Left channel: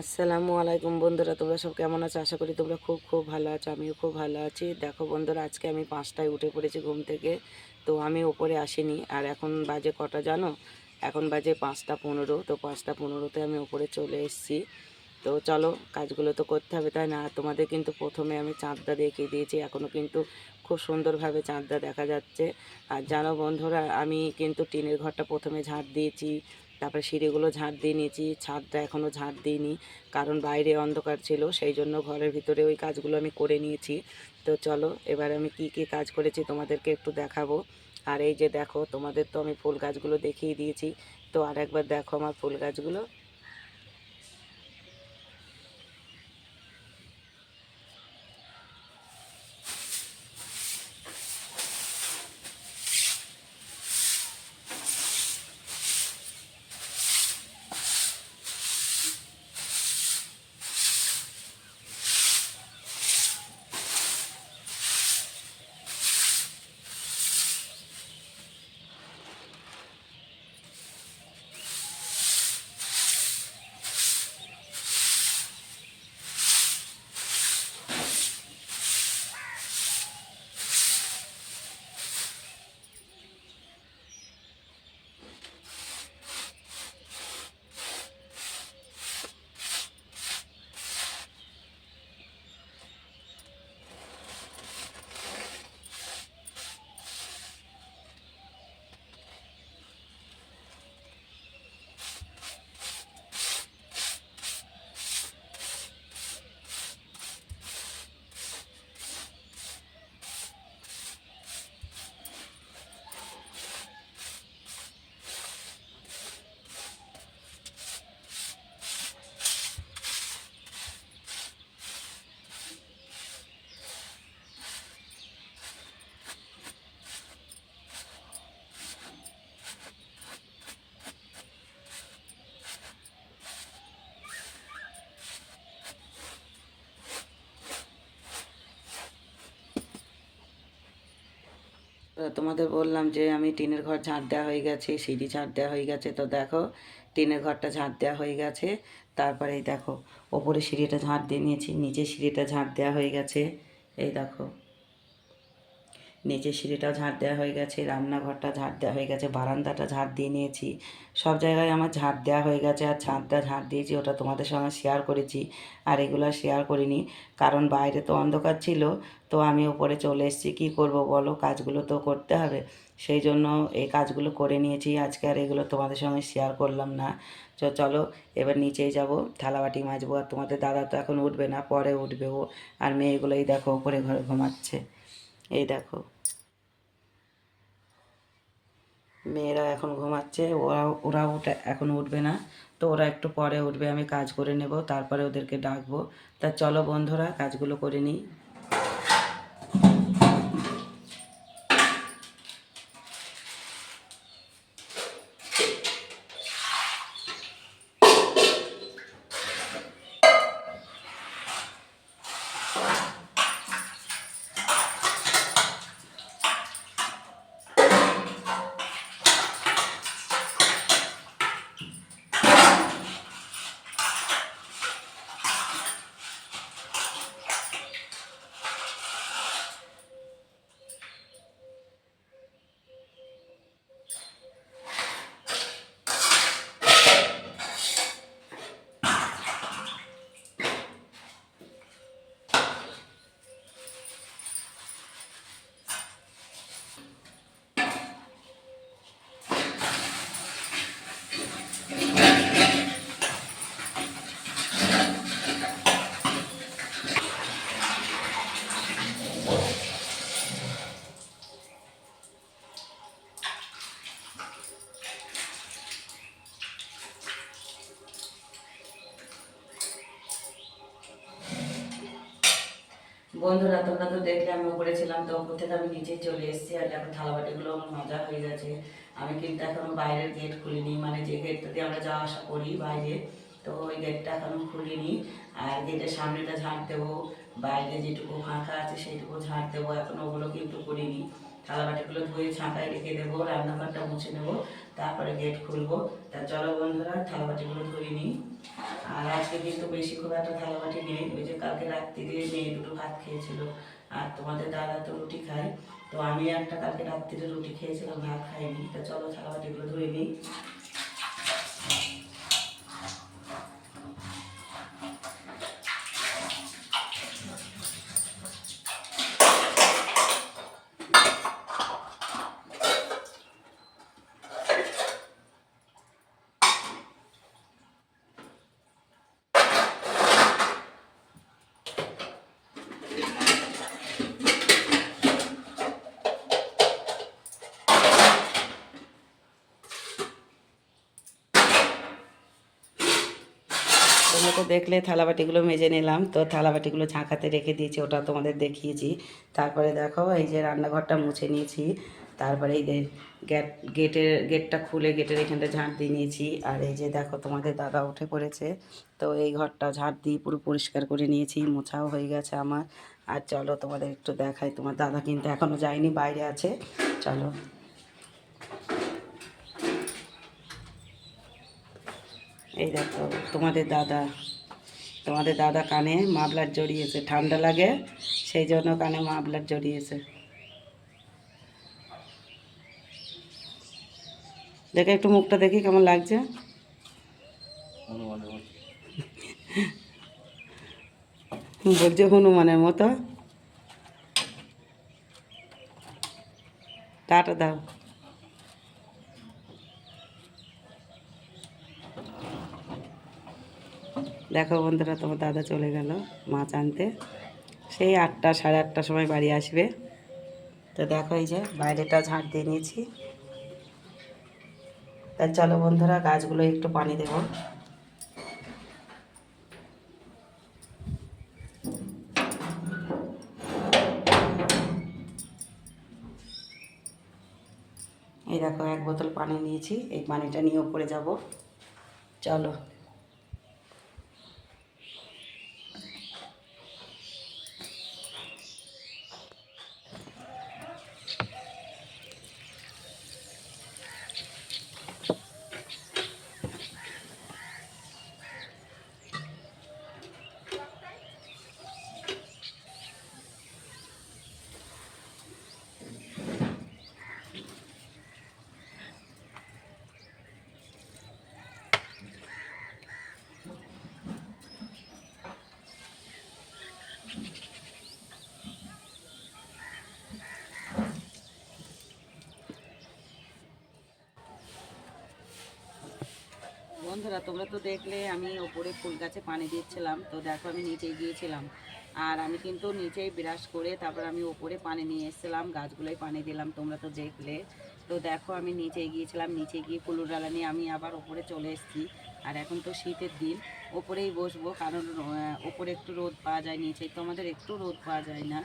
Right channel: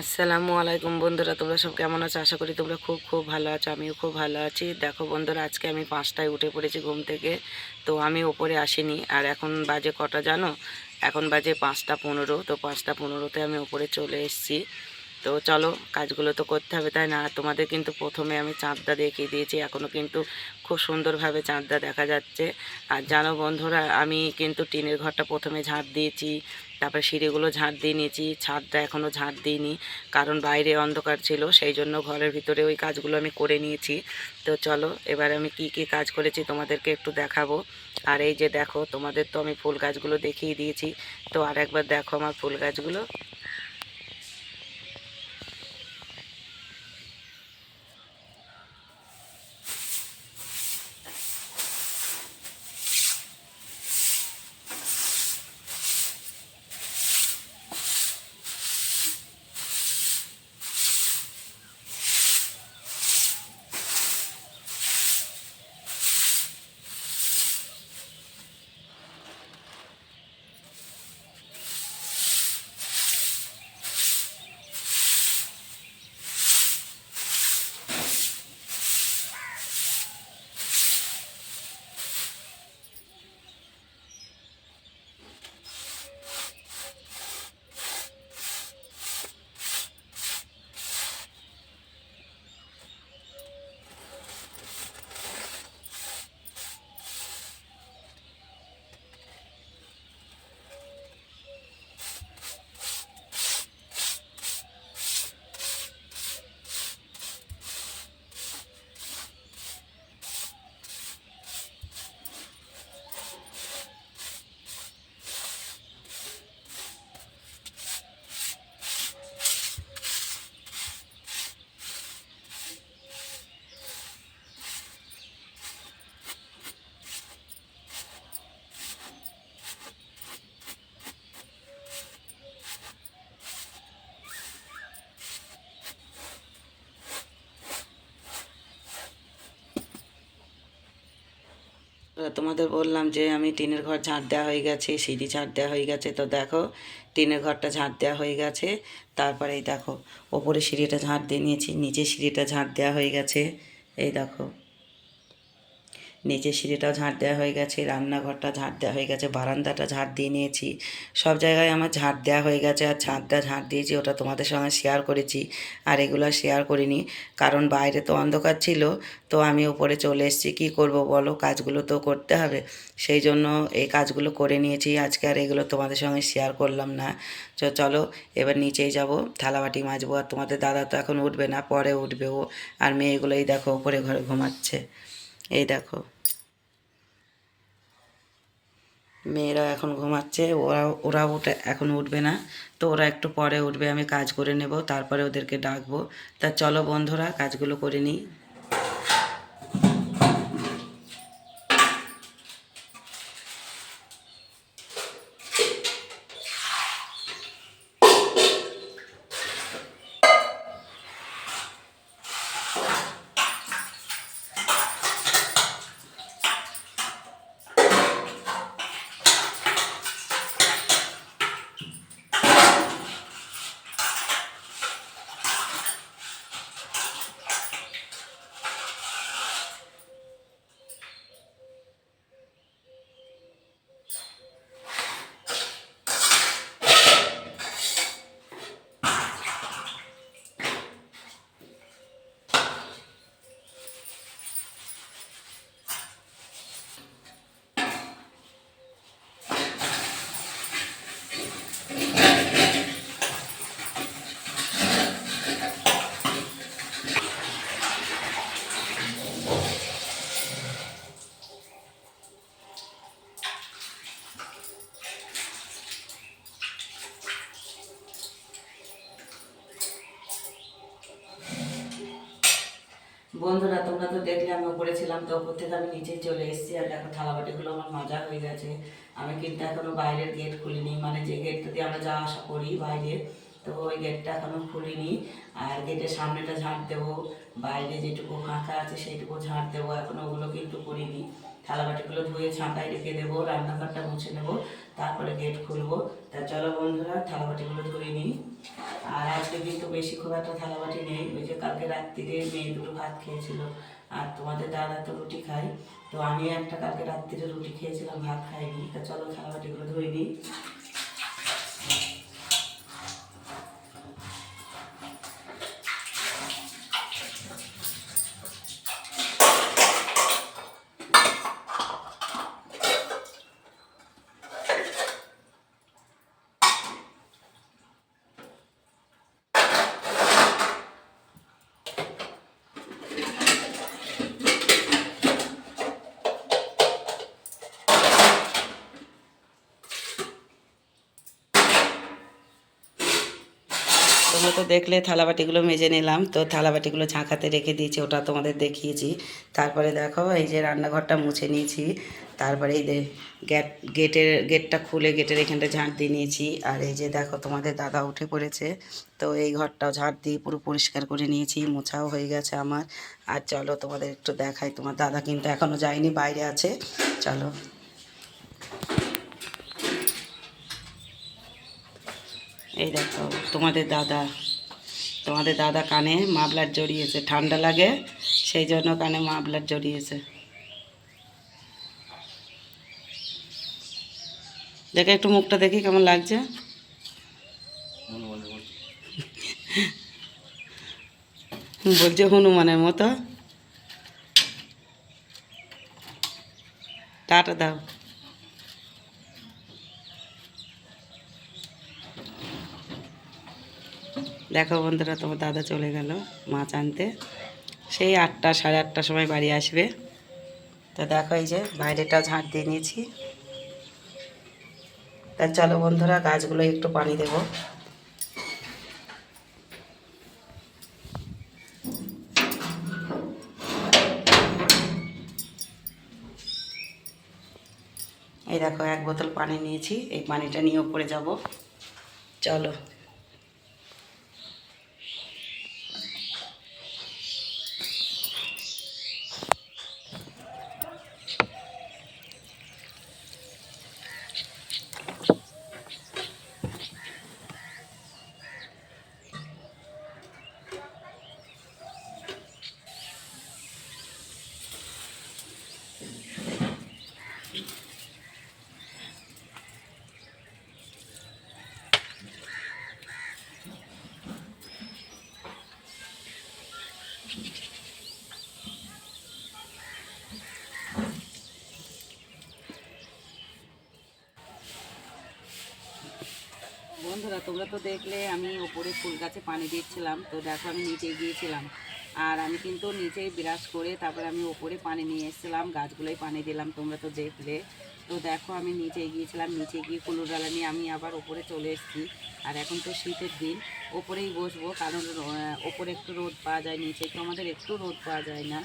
আসসালামু আলাইকুম বন্ধুরা, তোমরা সব কেমন আছো? আশা করি তোমরা খুব খুব ভালো আছো, আমিও খুব ভালো আছি। দেখো বন্ধুরা, আজকে আমি পাঁচটায় উঠে পড়েছি ঘুম থেকে, তো আমি ওপরে আসিনি। আর এখন বাজে কটা জানো? এখন বাজে পাঁচটা পনেরো, তো পাঁচটা পনেরোতে আমি ওপরে চলে এসেছি। তো চলো, কাজগুলো তো করতে হবে, তাই না? তোমাদের কিন্তু প্রথমে আমি চাঁদটা দেখিয়ে দিয়েছি এখনও কিন্তু খুব সুন্দরভাবে চাঁদটা দেখা যাচ্ছে। আর জানো বন্ধুরা, আমি কিন্তু টিনের ঘরটা প্রথমে ঝাঁট দিয়েছি, তারপরে সিঁড়িগুলো ঝাঁট দিয়ে নিয়েছি, ছাদটা এখনও ঝাঁট দিইনি, কারণ বাইরে অন্ধকার ছিল, সেই জন্য ঘরের ভিতরে ওই কাজগুলো আমি করে নিয়েছি। তো চলো, এবার আমি কি কি কাজ করেছি তোমাদেরকে একটু দেখাবো। আর এই যে দেখো, তোমাদের তো আমি ফুল গাছগুলো দেখিয়ে দিয়েছি, তো আর একবার দেখো আমার ফুল গাছগুলো। তোমাদের বললাম যে আমি টিনের ঘর ঝাঁট দেওয়া হয়ে গেছে, সিঁড়ি ঝাঁট দেওয়া হয়ে গেছে। তো দেখো, টিনের ঘরটা ঝাঁট দেওয়া হয়ে গেছে। তারপরে এই দেখো, ওপরে সিঁড়িটা ঝাঁট দিয়ে নিয়েছি, নিচে সিঁড়িটা ঝাঁট দেওয়া হয়ে গেছে। এই দেখো। নিচের সিঁড়িটাও ঝাঁট দেওয়া হয়ে গেছে, রান্নাঘরটা ঝাঁট দেওয়া হয়ে গেছে, বারান্দাটা ঝাঁট দিয়ে নিয়েছি। সব জায়গায় আমার ঝাঁট দেওয়া হয়ে গেছে আর ছাদটা ঝাঁট দিয়েছি, ওটা তোমাদের সঙ্গে শেয়ার করেছি আর এগুলো শেয়ার করিনি। কারণ বাইরে তো অন্ধকার ছিল, তো আমি উপরে চলে এসেছি, কী করব বলো? কাজগুলো তো করতে হবে। সেই জন্য এই কাজগুলো করে নিয়েছি, আজকে আর এগুলো তোমাদের সঙ্গে শেয়ার করলাম না। তো চলো, এবার নিচেই যাব, থালাবাটি মাজবো। আর তোমাদের দাদা তো এখন উঠবে না, পরে উঠবে ও। আর মেয়েগুলোই দেখো, উপরে ঘরে ঘুমাচ্ছে। এই দেখো। মেয়েরা এখন ঘুমাচ্ছে, ওরা ওরা উঠে, এখন উঠবে না। তো ওরা একটু পরে উঠবে, আমি কাজ করে নেব, তারপরে ওদেরকে ডাকবো। তা চলো বন্ধুরা, কাজগুলো করে নিই। বন্ধুরা, তোমরা তো দেখলে আমি উপরে ছিলাম, তো উপর থেকে আমি নিচে চলে এসেছি। আর দেখো, থালাবাটিগুলো আমার মাজা হয়ে গেছে। আমি কিন্তু এখনও বাইরের গেট খুলিনি। মানে যে গেটটা দিয়ে আমরা যাওয়া আসা করি বাইরে, তো ওই গেটটা এখনও খুলিনি। আর গেটের সামনেটা ঝাঁট দেবো। বাইরে যেটুকু ফাঁকা আছে, সেইটুকু ঝাঁট দেবো। এখন ওগুলো কিন্তু করিনি। থালাবাটিগুলো ধুয়ে ছাঁকায় রেখে দেবো, রান্নাঘরটা মুছে নেব, তারপরে গেট খুলবো। তা চলো বন্ধুরা, থালাবাটিগুলো ধুয়ে নিই। আর আজকে কিন্তু বেশি খুব একটা থালাবাটি নেই। ওই যে কালকে রাত্রিরে মেয়ে দুটো ভাত খেয়েছিল, আর তোমাদের দাদা তো রুটি খায়। তো আমি একটা কালকে রাত্রিরে রুটি খেয়েছিলাম, ভাত খাইনি। তা চলো থালাবাটিগুলো ধুয়ে নিই তোমরা তো দেখলে থালাবাটিগুলো মেজে নিলাম। তো থালাবাটিগুলো ঝাঁকাতে রেখে দিয়েছি, ওটা তোমাদের দেখিয়েছি। তারপরে দেখো, এই যে রান্নাঘরটা মুছে নিয়েছি। তারপরে এই গেট গেটের, গেটটা খুলে গেটের এখানটা ঝাঁট দিয়ে নিয়েছি। আর এই যে দেখো, তোমাদের দাদা উঠে পড়েছে। তো এই ঘরটাও ঝাঁট দিয়ে পুরো পরিষ্কার করে নিয়েছি, মোছাও হয়ে গেছে আমার। আর চলো তোমাদের একটু দেখাই, তোমার দাদা কিন্তু এখনও যায়নি, বাইরে আছে। চলো। এই দেখো, তোমাদের দাদা তোমাদের দাদা কানে মাফলার জড়িয়েছে, ঠান্ডা লাগে, সেই জন্য কানে মাফলার জড়িয়েছে। দেখে একটু মুখটা দেখি কেমন লাগছে। বলছে হনুমানের মতো। টাটা দাও। দেখো বন্ধুরা, তোমার দাদা চলে গেল মাছ আনতে। সেই আটটা, সাড়ে আটটার সময় বাড়ি আসবে। তো দেখো এই যে বাইরেটা ঝাঁট দিয়ে নিয়েছি। তা চলো বন্ধুরা, গাছগুলো একটু পানি দেব। এই দেখো এক বোতল পানি নিয়েছি, এই পানিটা নিয়ে উপরে যাব। চলো। বন্ধুরা, তোমরা তো দেখলে আমি ওপরে ফুল গাছে পানি দিচ্ছিলাম। তো দেখো, আমি নিচে গিয়েছিলাম আর আমি কিন্তু নিচে বিরাজ করে তারপর আমি ওপরে পানি নিয়ে এসেছিলাম গাছগুলোই পানি দিলাম, তোমরা তো দেখলে। তো দেখো, আমি নিচে গিয়েছিলাম নিচে গিয়ে কুলুর ডালা নিয়ে আমি আবার ওপরে চলে এসেছি। আর এখন তো শীতের দিন, ওপরেই বসবো, কারণ ওপরে একটু রোদ পাওয়া যায়, নিচে তো আমাদের একটু রোদ পাওয়া যায় না।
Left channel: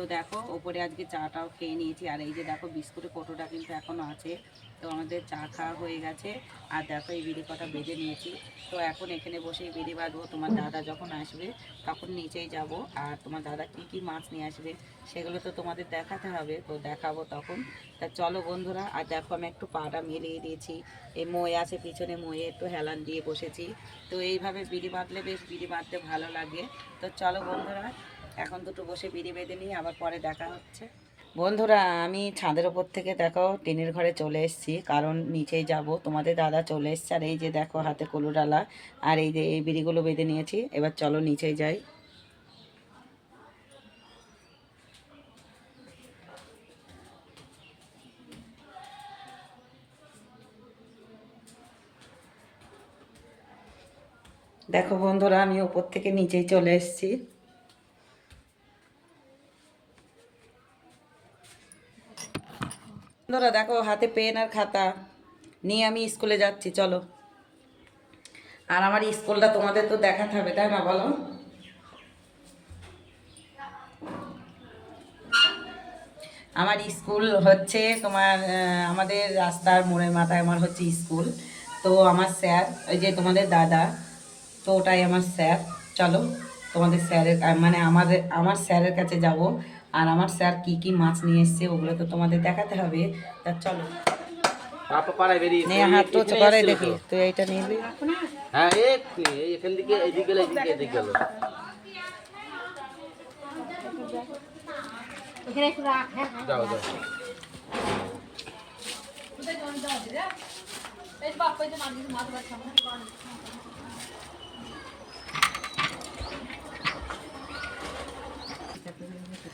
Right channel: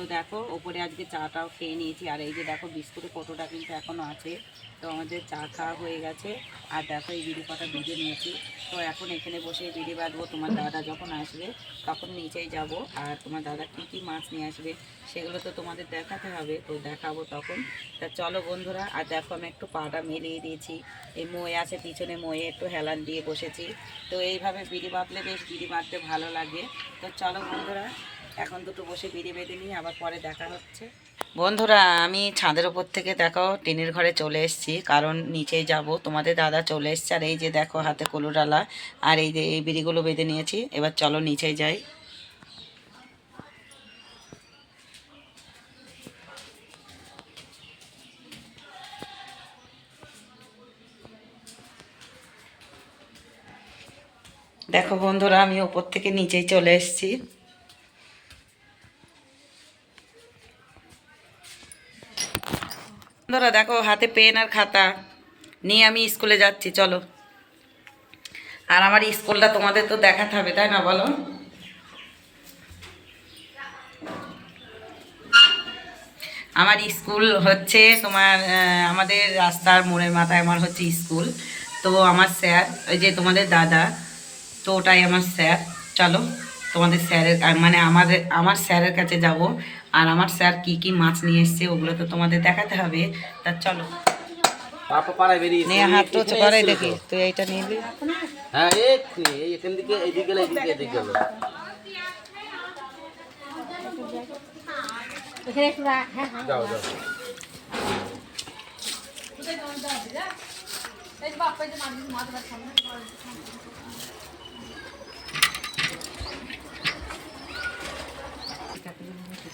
তো দেখো, ওপরে আজকে চাটাও খেয়ে নিয়েছি। আর এই যে দেখো বিস্কুটের কটোটা কিন্তু এখনও আছে। তো আমাদের চা খাওয়া হয়ে গেছে। আর দেখো, এই বিড়ি কটা বেঁধে নিয়েছি। তো এখন এখানে বসে বিড়ি বাঁধবো। তোমার দাদা যখন আসবে, তখন নিচেই যাব। আর তোমার দাদা কি কি মাছ নিয়ে আসবে, সেগুলো তো তোমাদের দেখাতে হবে। তো দেখাবো তখন। তা চলো বন্ধুরা, আর দেখো, আমি একটু পাটা মেলিয়ে দিয়েছি। এই মই আছে, পিছনে ময়ে একটু হেলান দিয়ে বসেছি। তো এইভাবে বিড়ি বাঁধলে বেশ বিড়ি বাঁধতে ভালো লাগে। তো চলো বন্ধুরা এখন দুটো বসে বিড়ি বেঁধে নিয়ে আবার পরে দেখা হচ্ছে। বন্ধুরা, আমি ছাদের ওপর থেকে দেখো, টিনের ঘরে চলে এসেছি। কারণ নিচে যাব। তোমাদের দাদা চলে এসছে। আর এই যে দেখো, হাতে কলুডালা। আর এই যে এই বিড়িগুলো বেঁধে নিয়েছি। এবার চলো নিচে যাই। দেখো বন্ধুরা, আমি ওপর থেকে নিচেই চলে এসেছি। বন্ধুরা, দেখো, হাতে পেন আর খাতা নিয়ে আমি স্কুলে যাচ্ছি, চলো। আর আমার স্কুলটা তোমাদের তো দেখাতে হবে, তাই না, বলো? আমার স্কুল হচ্ছে তোমার আমাদের রাস্তার মোড়ের মাথায় আমার হচ্ছে স্কুল। তো আমার স্যার, ওই যে তোমাদের দাদা, তো ওটাই আমার স্যার। চলো, তোমাদের স্যারের মানে আমাদের, আমার স্যারের কাছে যাব। আর আমার স্যার কি কি মাছ নিয়ে এসছে ওগুলো তো তোমাদের দেখাতে হবে। তা চলো। হাত তো করে দেখি। তুই এইটা নিবি হ্যাঁ এই এই এখান থেকে এদিকে এদিকে এদিকে গেল। যাও যাও। শোনো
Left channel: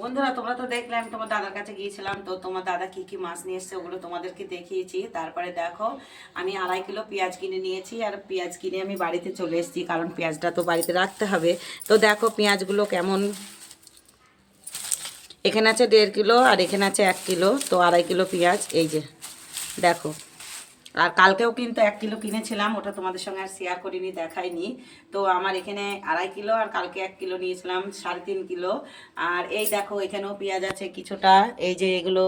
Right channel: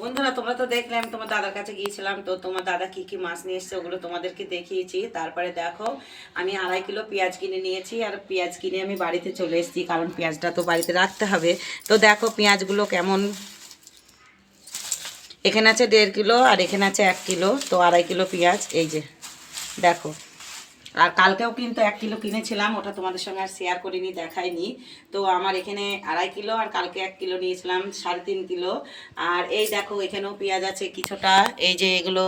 বন্ধুরা, তোমরা তো দেখলে, আমি তোমার দাদার কাছে গিয়েছিলাম। তো তোমার দাদা কি কি মাছ নিয়ে এসছে ওগুলো তোমাদেরকে দেখিয়েছি। তারপরে দেখো, আমি আড়াই কিলো পেঁয়াজ কিনে নিয়েছি আর পেঁয়াজ কিনে আমি বাড়িতে চলে এসেছি, কারণ পেঁয়াজটা তো বাড়িতে রাখতে হবে। তো দেখো পেঁয়াজগুলো কেমন। এখানে আছে দেড় কিলো আর এখানে আছে এক কিলো, তো আড়াই কিলো পেঁয়াজ, এই যে, দেখো। আর কালকেও কিন্তু এক কিলো কিনেছিলাম, ওটা তোমাদের সঙ্গে আর শেয়ার করিনি, দেখাইনি। তো আমার এখানে আড়াই কিলো আর কালকে এক কিলো নিয়েছিলাম, সাড়ে তিন কিলো। আর এই দেখো, এখানেও পেঁয়াজ আছে কিছুটা, এই যে এগুলো।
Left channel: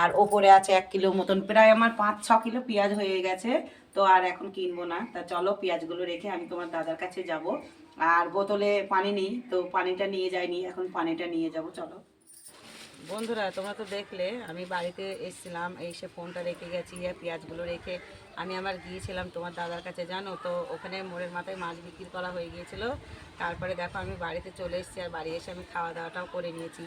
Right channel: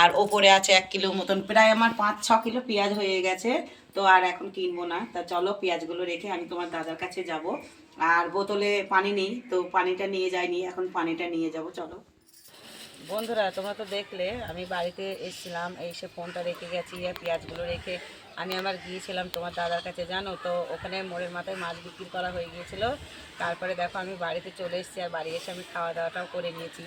আর ওপরে আছে এক কিলো মতন, প্রায় আমার পাঁচ, ছ কিলো পেঁয়াজ হয়ে গেছে। তো আর এখন কিনবো না। তা চলো পেঁয়াজগুলো রেখে আমি তোমার দাদার কাছে যাব। আর বোতলে পানি নেই, তো পানিটা নিয়ে যাইনি, এখন পানিটা নিয়ে যাব, চলো। বন্ধুরা, তোমরা তো দেখলে, আমি বাড়িতে এসেছিলাম, এসে ফোনটা রেখে গেছি, আর পেঁয়াজগুলো রেখে আমি আমার গিয়েছিলাম তোমার দাদার কাছে, জানো তো? ওখানে মোড়ের মাথায় মাছ বিক্রি করা হয়ে গিয়েছিল। তারপরে দেখো, আমি বাড়িতে চলে এসেছি, আর বাড়ি এসে আমি খাওয়া দাওয়াটাও করে নিয়েছি।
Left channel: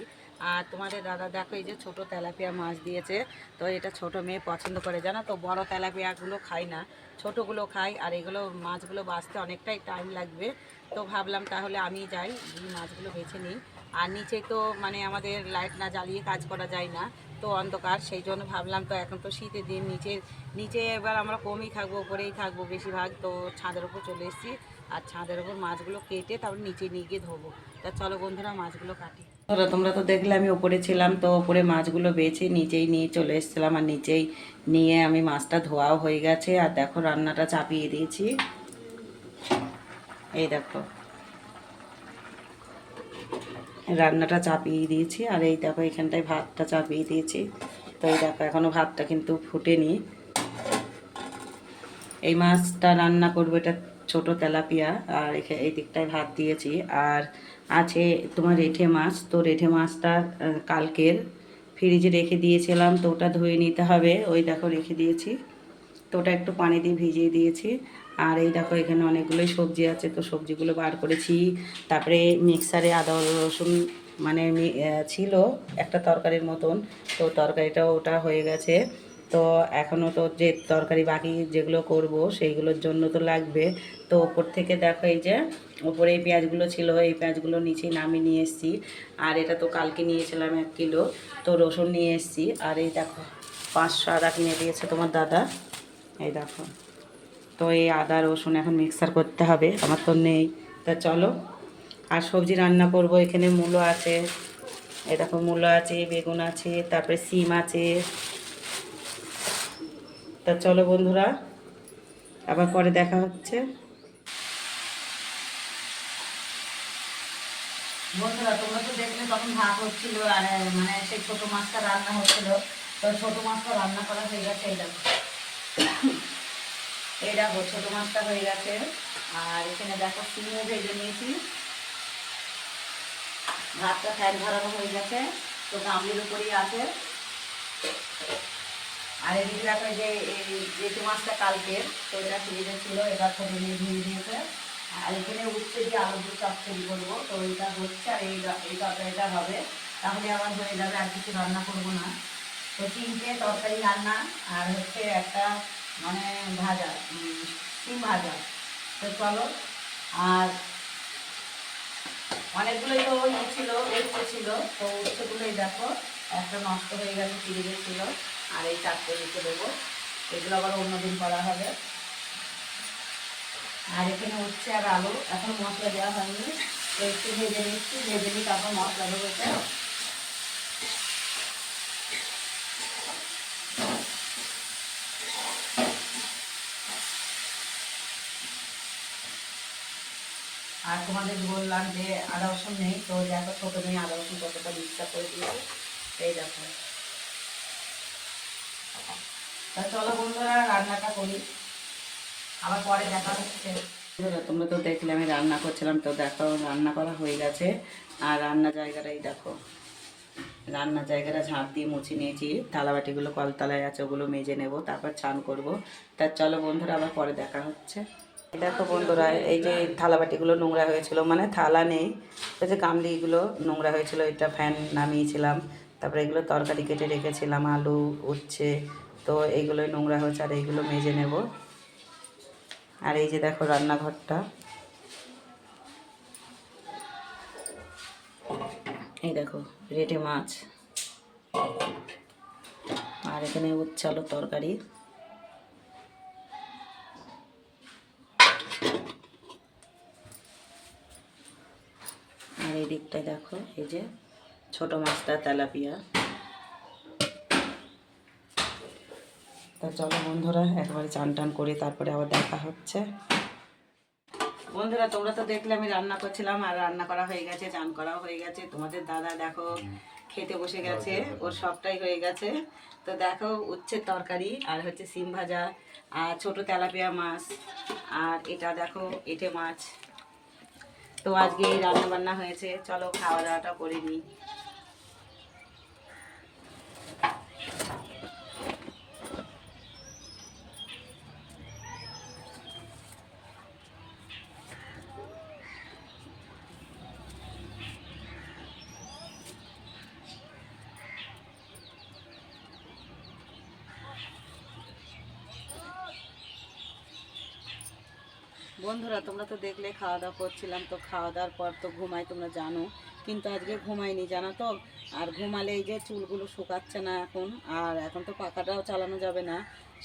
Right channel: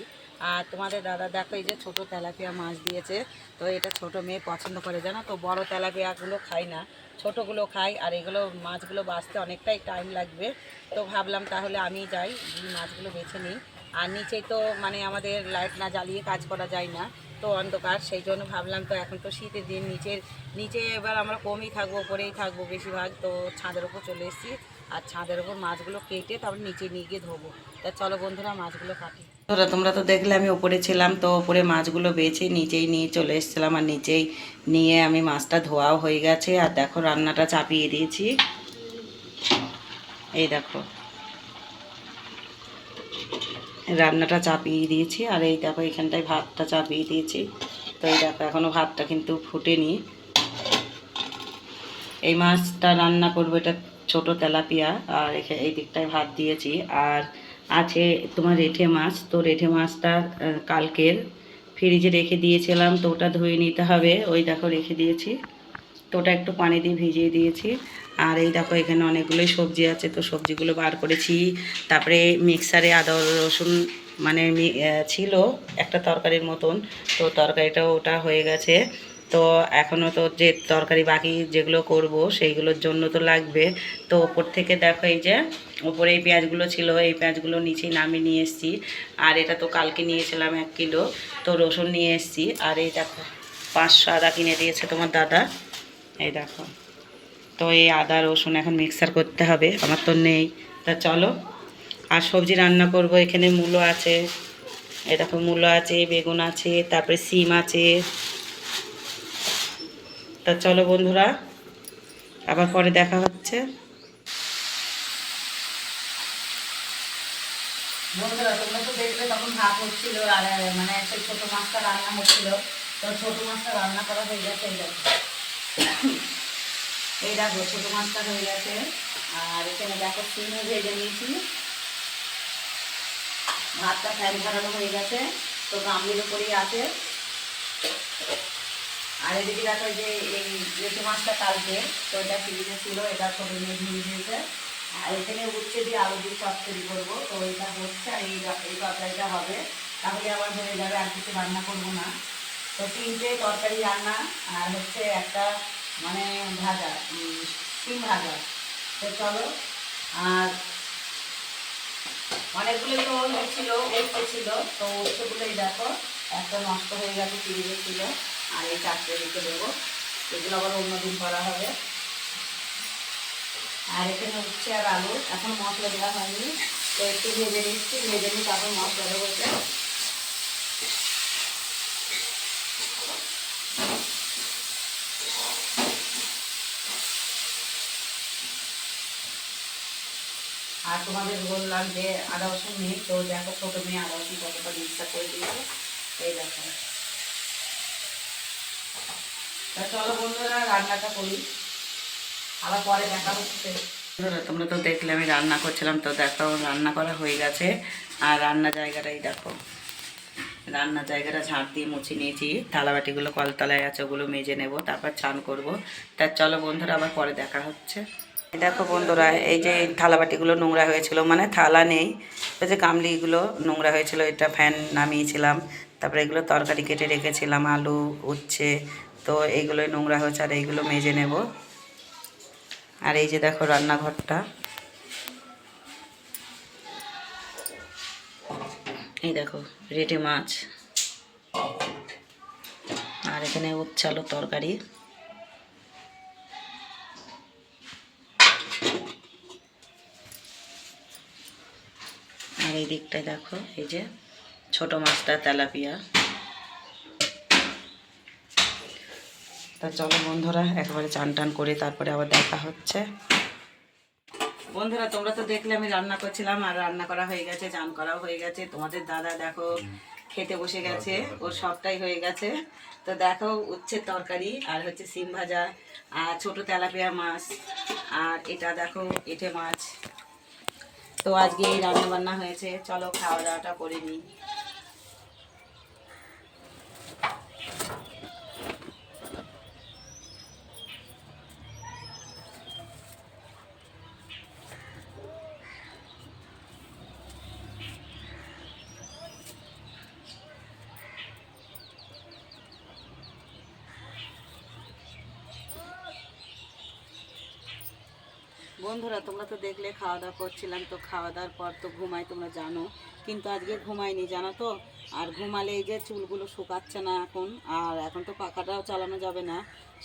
আর তোমাদের দাদা, দেখো এই যে ছোটো তেলাপিয়া মাছ দিয়েছে, তো এটা ছোট মেয়ে পছন্দ করে, জানো তো? বড় তেলাপিয়াগুলো খাই না, ছোটোগুলো খাই আর এগুলো মাছগুলো বাঁচতে অনেকটাই টাইম লাগবে। তো ভাবলাম তাহলে আমি যাই মাছগুলো বেছে নিই। আর নিচে তো মানে আমাদের লাইট না জ্বালিয়ে কাজ করা যায় না, তো অন্ধকার, সেই জন্য ভাবলাম তো এখন তো শীতের দিন, নিচের, নিচে এবার আমরা কমই থাকব, উপরেই থাকব বেশিরভাগ, তো ছাদের উপর চলে এসেছি। আর ছাদের উপর মাছগুলো কেটে তারপর নিচে নিয়ে গিয়ে ধোবো। তা চলো বন্ধুরা, মাছগুলো কাটি। তোরা তোমরা তো দেখলে আমি উপরে ছিলাম, তো উপরে মাছগুলো বেছে নিচেই নিয়ে চলে এসেছিলাম, আর নিচেই নিয়ে আমি মাছটা ধোয়াও হয়ে গেছে। আর দেখো, রান্নাটা চাপিয়ে দিয়েছি। এই দেখো। রান্নাটা চাপিয়ে দিয়েছি। আর এই দেখো এখানটায় ভাতটা চাপিয়ে দিয়েছি। তো এই দেখো এখনও ভাতটা কিন্তু ফুটেনি। এই মাছটা রান্না করব, এটা ছোট তেলাপিয়া। আর এই দিকটায় ভাত দিয়েছি। আর আছে তোমার রেঠে মাছ। তো রেঠে মাছটা কালকের ফ্রিজে রেখে দিয়েছিলাম। তো ওটা ধুয়ে নিতে হবে। ওই দেখো রেখে দিয়েছি। তো ওটা একটু পানি দিয়ে ভিজিয়ে দিয়েছি। আর এই দেখো এখানে অনেকগুলোই সবজি আছে, তো সবজিগুলো বার করেছি। তারপরে মিক্সারে আদা, রসুন মানে ছিল একটা তরকারির মতন, তো তরকারিটাও ওটা হয়ে গেছে। তো এখনও তো যে তরকারি বাকি যেগুলো করব সেইগুলোর জন্য তো লাগবে। তো ওপর থেকে দেখো এই যে, ওপরে এই পেঁয়াজগুলো ছিল, এই পেঁয়াজগুলো নিচে নামিয়ে নিয়ে এসেছি। আর এটা তো কালকে নিয়েছিলাম এক কিলো, তো রসুন নিয়ে এসেছি। আর এই দেখো, পাঁচশো আদা কিনে দিয়েছে তোমার দাদা। এই দেখো। তো এই আদা, রসুন এখন মিক্সার করতে হবে, আমার তো নেই। তা চলো, আর সবজি রান্না করব, এখানে মূলো আছে, এই দেখো মূলো আছে, বেগুন আছে, তারপরে সিম আছে। তা চলো বন্ধুরা, আবার পরে দেখা হচ্ছে। বন্ধুরা, তোমরা তো দেখলে তখন ভাগ হচ্ছিল আর মানে সেই ছোটো মাছটা রান্না হচ্ছিল। তো ছোটো মাছটা রান্না করা হয়ে গেছে, এই এই দেখো, ছোটো মাছটা হয়ে গেছে। আর এখানে দেখো সিমও ভেজে নিয়েছি। ভাতটা ফ্যান ভরানো হয়ে গেছে, তো গামলির উপরেই আছে। আর এদিকে দেখো যে এই ইলিশ মাছটা কালকে, তো এটা ফ্রিজে ছিল, এটা ছোটো দিয়ে ধুয়ে দিয়েছে। আর এখানে উচ্ছে দিয়ে আলু দিয়ে চচ্চড়ি করব, তো এইটা হচ্ছে আর এই এই তরকারিটা হবে। তাহলে আবার হয়ে যাবে আর কিছু রান্না করব না। তো তিনটে তরকারি রান্না, আর হচ্ছে একটা মানে ভাজা সিম ভাজা। তো চলো, আর অনেকগুলোই তো ইয়ে ছিল উচ্ছে ছিল। তো উচ্ছেগুলোই দেখো, একটা নষ্ট হয়ে গেছে ফ্রিজে ছিল আর এই চারটে রেখে দেবো। এগুলো আবার অন্যদিন করা হবে। আর এখানে উচ্ছে আর আলু। এখন মশলা দেওয়া হয়নি। তো একটু ভেজে নিচ্ছি, ভেজে নিই তারপর মশলা দেবো তোমাদের বললাম যে আদা রসুন নেই, তো দেখো ছোটো মেয়ে কি কতটা মিক্সার করে দিয়েছে। এই দেখো। তা চলো বন্ধুরা, রান্নাটা করি। আবার পরে দেখা হচ্ছে। তোমরা তো দেখলে, আমি রান্না করছিলাম, তো দেখো, রান্না করা হয়ে গেছে। আর রান্না জায়গাটাই দেখো। রান্নার জায়গাটা ঝাঁট দিয়ে মুছে নিয়েছি। থালাবাটিগুলো কলতলায় আছে, ওগুলো মেজে নেব, তারপর চান করব। তা চলো বন্ধুরা, আবার পরে দেখা হচ্ছে। দেখো বন্ধুরা, এই যে থালাবাটিগুলো নোংরা হয়েছিল মানে থালা নেই ওই যে গামলিগুলো নোংরা হয়েছিল, এটা ফ্যান নামিয়েছিলাম, তারপরে এগুলো তরকারি কেটে রেখেছিলাম, আলু, উচ্ছে, তো এইগুলোই নোংরা হয়েছে, আর এইগুলো মেজে নেব। আর এই যে দেখো রান্নাঘরটা। এই দেখো রেটে মাছ। আর এখানে উচ্ছালো তরকারি। দিকটায় দেখো, এই যে ছোট মাছটা তেলাপিয়া। তা চলো বন্ধুরা, একবারে চান টান করে তারপরে আবার দেখা হচ্ছে। বন্ধুরা, তোমরা তো দেখলে আমি রান্না করছিলাম, আর রান্না করা হয়ে গেছে, চান করাও হয়ে গেছে। তোমাদের দাদা দেখো, খেতে বসে গেছে ওর সবটাই হয়ে গেছে। তো দেখো, উচ্ছের তরকারি, আর হচ্ছে সিম ভাজা, আর ছোট তেলাপিয়া মাছ, আর এটা দেখো, এঁটে মাছ। তো আজকে এই রান্না বান্না হয়েছে। চলো খাওয়া দাওয়াটা করে নিই। বন্ধুরা, তোমরা তো দেখলে, খাওয়া দাওয়া করছিলাম, তো খাওয়া দাওয়ার পর তো ঘুমাই, তোমরা জানো। কিন্তু আজকে ঘুমাইনি জানো তো? আর ঘুমালে এই যে চুলগুলো শুকাচ্ছে না এখন, আর এখন তো পাখাটাও চালানো যাবে না।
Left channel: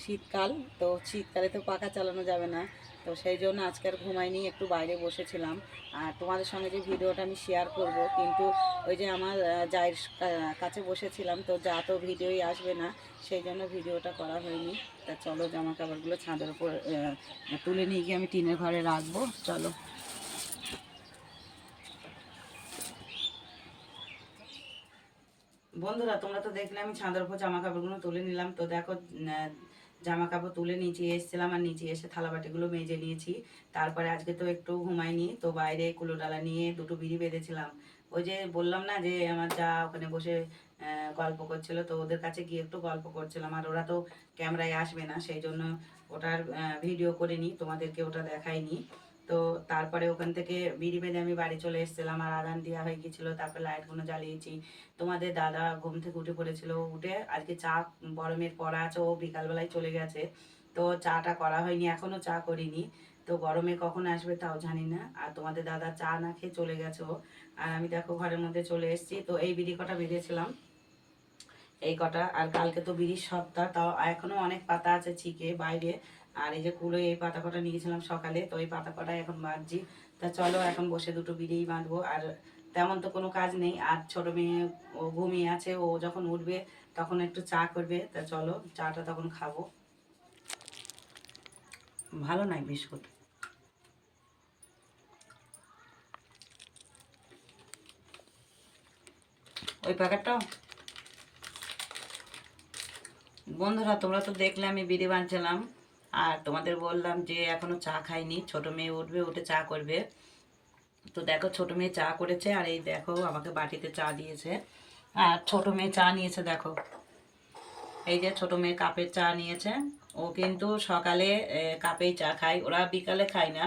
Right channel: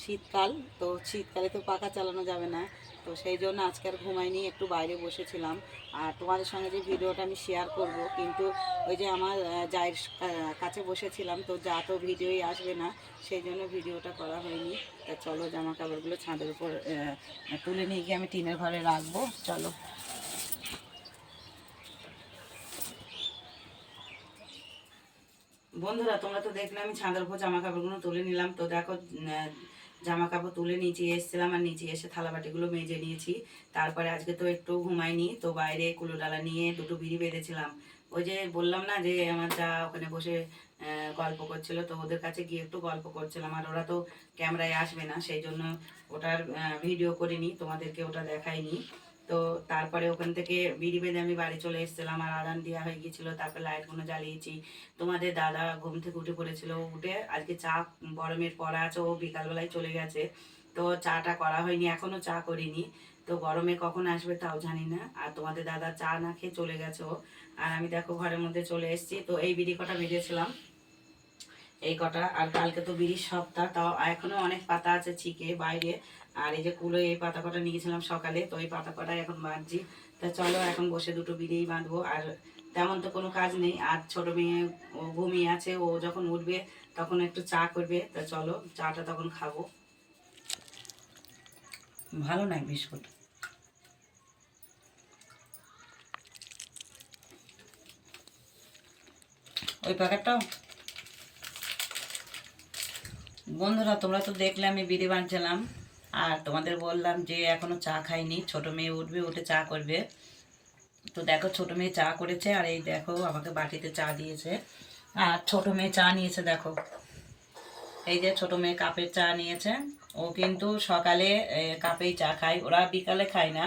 শীতকাল, তো শীতকালে তো পাখা চালানো যাবে না। তো সেই জন্য আজকে আর ঘুমাইনি একটু বাইরে বসেছিলাম। আর তোমাদের সঙ্গে যে ভিডিওটা আমি শেয়ার করব, কিন্তু ওই যে আমার জায়ের কাছে বসেছিলাম, তো যা তো ভিডিওই আসবে না, সেই জন্য ভিডিওটা করা হয়নি। তা চলো জামা কাপড়গুলো ছাদের উপর তুলে নিয়ে গিয়ে আমি টিনের ঘরে রাখব। চলো। বন্ধুরা, তোমরা তো দেখলে আমি ছাদের উপর জামা কাপড়গুলো তুলে নিলাম। তো দেখো জামা কাপড় তুলে নিচে এসেছিলাম আর নিচে এসে থালা বাটিগুলো মেজে নিয়েছি। তারপরে আজকে তো একটু ঘুমাইনি, তো বাইরে কুলো ডালা নিয়ে দুটো বিড়ি বেঁধেছিলাম। ওই যে বললাম না যে, আমার যা ওখানে বসে গল্প করছিল, তো ওদের কাছে গিয়ে একটু গল্প করছিলাম। আর ওরা তো ক্যামেরায় আসবে না, সেই জন্য ওটার ভিডিও করিনি, তোমাদেরকে ওটা দেখাইনি। তো তারপরে ওখান থেকে বিড়ি বেঁধে আমি বাড়ি চলে এসেছিলাম, আর আদান দেওয়া হয়ে গেছিল তারপরে লাইটগুলো জ্বালিয়েছি। তোমাদের দাদা ঘুম থেকে উঠে পড়েছিল, উঠে আজকে চা, গরমের পড়া আছে, ও বিকালবেলায় চলে গেছে। তো চাটা করা হয়নি, এখনও চা করিনি। তো গরমে কখন আসবে তাও জানি না, আর তোমাদের দাদা চা না খেয়ে চলে গেছে আর আমি দেখো ঘরের মধ্যে চলে এসেছি, তো এই বিড়ি কটা বেঁধেছিলাম। এই কটা, আর কালকে তো বিড়ির সপ্তাহ, তাও এখনও অনেক পাতা আছে ছিকে বাইরে। আর এই যে কুলো এই পাতা কটা নিয়েছিলাম সকালে, তো এই পাতা কটা এখন বাঁধছি। তা চলো এখন বসে দুটো বিড়িই বাঁধবো। আর তেমন তো কোনো কাজ নেই। আর ছোট মেয়ে ও ঘুমিয়ে আছে, ও যখন উঠবে তখন একটু চা করবে। তা চলো, চাটা তখন খাব। ভালো নাই বিস্কুট। ওই প্যাকেটটাও বন্ধুরা, তোমরা তো দেখলে আমি বিড়ি বাঁধছিলাম। আর তোমাদের বললাম যে এখনও চা খাইনি, ছোট মেয়ে উঠবে, উঠে চা করবে। তো দেখো ছোট মেয়ে চা করেছে, আর এই দেখো আমাকে বাটিতে চা দিয়েছে। আর ছোট মেয়ে চা নিয়েছে, দেখো। এই যে ছোট মেয়ে কাপের চা নিয়েছে। ও কিন্তু সকালে কাপেই চা খায়। ওরা বিকালে খায় না,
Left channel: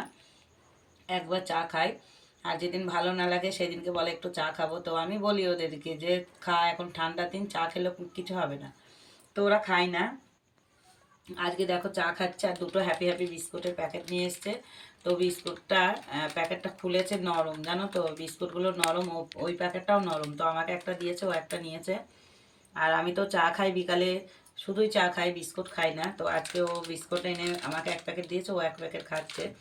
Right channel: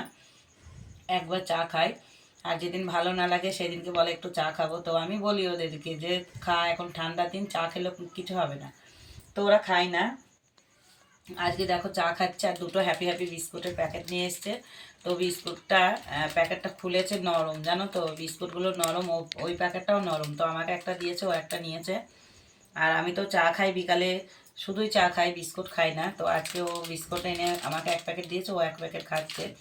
একবার চা খায়। আর যেদিন ভালো না লাগে সেদিনকে বলে, একটু চা খাব। তো আমি বলি ওদেরকে যে, খা, এখন ঠান্ডা দিন, চা খেলে কিছু হবে না। তো ওরা খায় না। আজকে দেখো চা খাচ্ছে আর দুটো হ্যাপি হ্যাপি বিস্কুটের প্যাকেট নিয়ে এসছে। তো বিস্কুটটা প্যাকেটটা খুলেছে নরম, জানো তো? বিস্কুটগুলো নরম, ও- ওই প্যাকেটটাও নরম। তো আমাকে একটা দিয়েছে, ও একটা নিয়েছে। আর আমি তো চা খাই বিকালে, শুধুই চা খাই, বিস্কুট খাই না। তো আজকে ও বিস্কুট এনে আমাকে এক প্যাকেট দিয়েছে, ও এক প্যাকেট খাচ্ছে।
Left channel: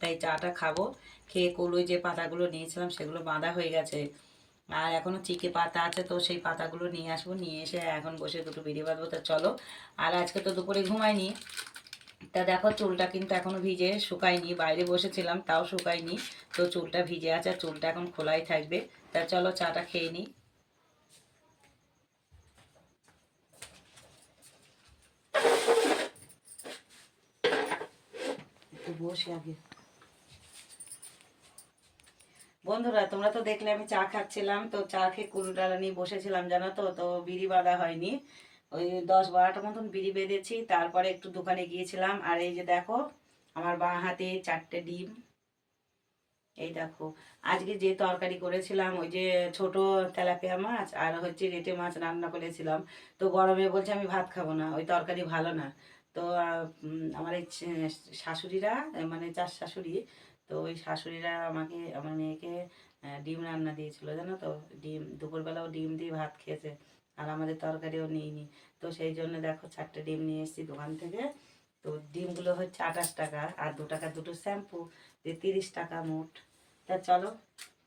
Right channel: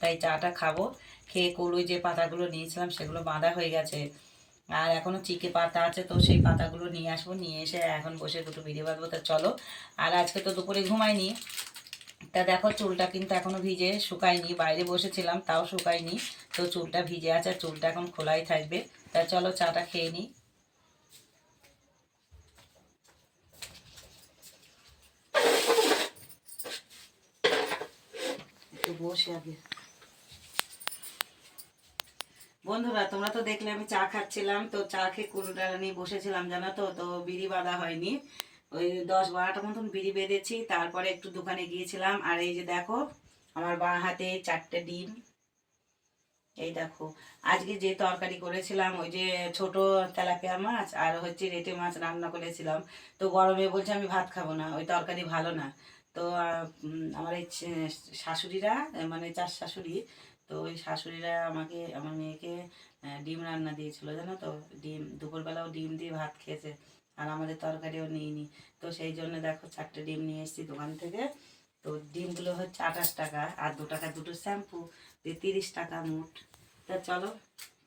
তাই চাটা খাব। খেয়ে কলুই যে পাতাগুলো নিয়েছিলাম, সেগুলো বাঁধা হয়ে গেছে। আর এখনও চিকে পাতা আছে, তো সেই পাতাগুলো নিয়ে আসব, নিয়ে এসে এখন বসে দুটো ভিডিও বাঁধবো, তা চলো। আর আজকে তো দুপুরে ঘুমাইনি। তা দেখো চুলটা কিন্তু এখনও ভিজে শুকায়নি, বাইরে বসেছিলাম, তাও শুকায়নি। তো চুলটা ভিজে আছে, আর চুলটা এখন খোলাই থাকবে। তা চলো চাটা খেয়ে নিই বসে আগে। বন্ধুরা, তোমরা তো দেখলে আমি চা খাচ্ছিলাম, তো চা খেয়ে কুলডালা নিয়ে বসেছিলাম, জানো তো? তো বিড়ি বাঁধা হয়নি। ওই দশ বারোটা মতন বিড়ি বেঁধেছি, তারপরে একটু দোকানে গিয়েছিলাম, আর এই যে দেখো, আমার বাঁ হাতে চারটে ডিম। এই দেখো, আজকে যে তরকারি করেছিলাম, ওই যে ছোট তেলাপিয়া মাছ আর হচ্ছে রেটে মাছ রান্না করেছিলাম, তো গরমে বলছে আমি ভাত খাব না, ওই তরকারি ভালো না। তো আমার এই শাশুড়িরা মানে চার শাশুড়ি তো ওই শাশুড়িরা আমাকে, আমার মেয়েকে ডিম রান্না দিয়েছিল, জানো তো? ডিম, দুপুরবেলাও ডিম দিয়ে ভাত খেয়েছে, আর আমাদের তরকারিও নিইনি। তো সেই জন্য দেখো চারটে ডিম নিয়ে এসেছি দোকান থেকে। তো ডিমগুলো হচ্ছে আঠাশ টাকা, আর দু টাকা দুটো শ্যাম্পু যে তিরিশ টাকা মোট। তা চলো,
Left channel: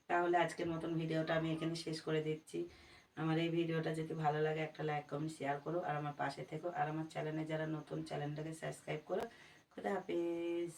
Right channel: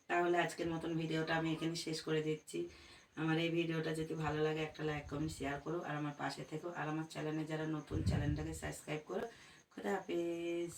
তাহলে আজকের মতন ভিডিওটা আমি এখানে শেষ করে দিচ্ছি। আমার এই ভিডিওটা যদি ভালো লাগে, একটা লাইক, কমেন্ট, শেয়ার করো, আর আমার পাশে থেকো, আর আমার চ্যানেলে যারা নতুন, চ্যানেলটাকে সাবস্ক্রাইব করো। খুদা হাফিজ।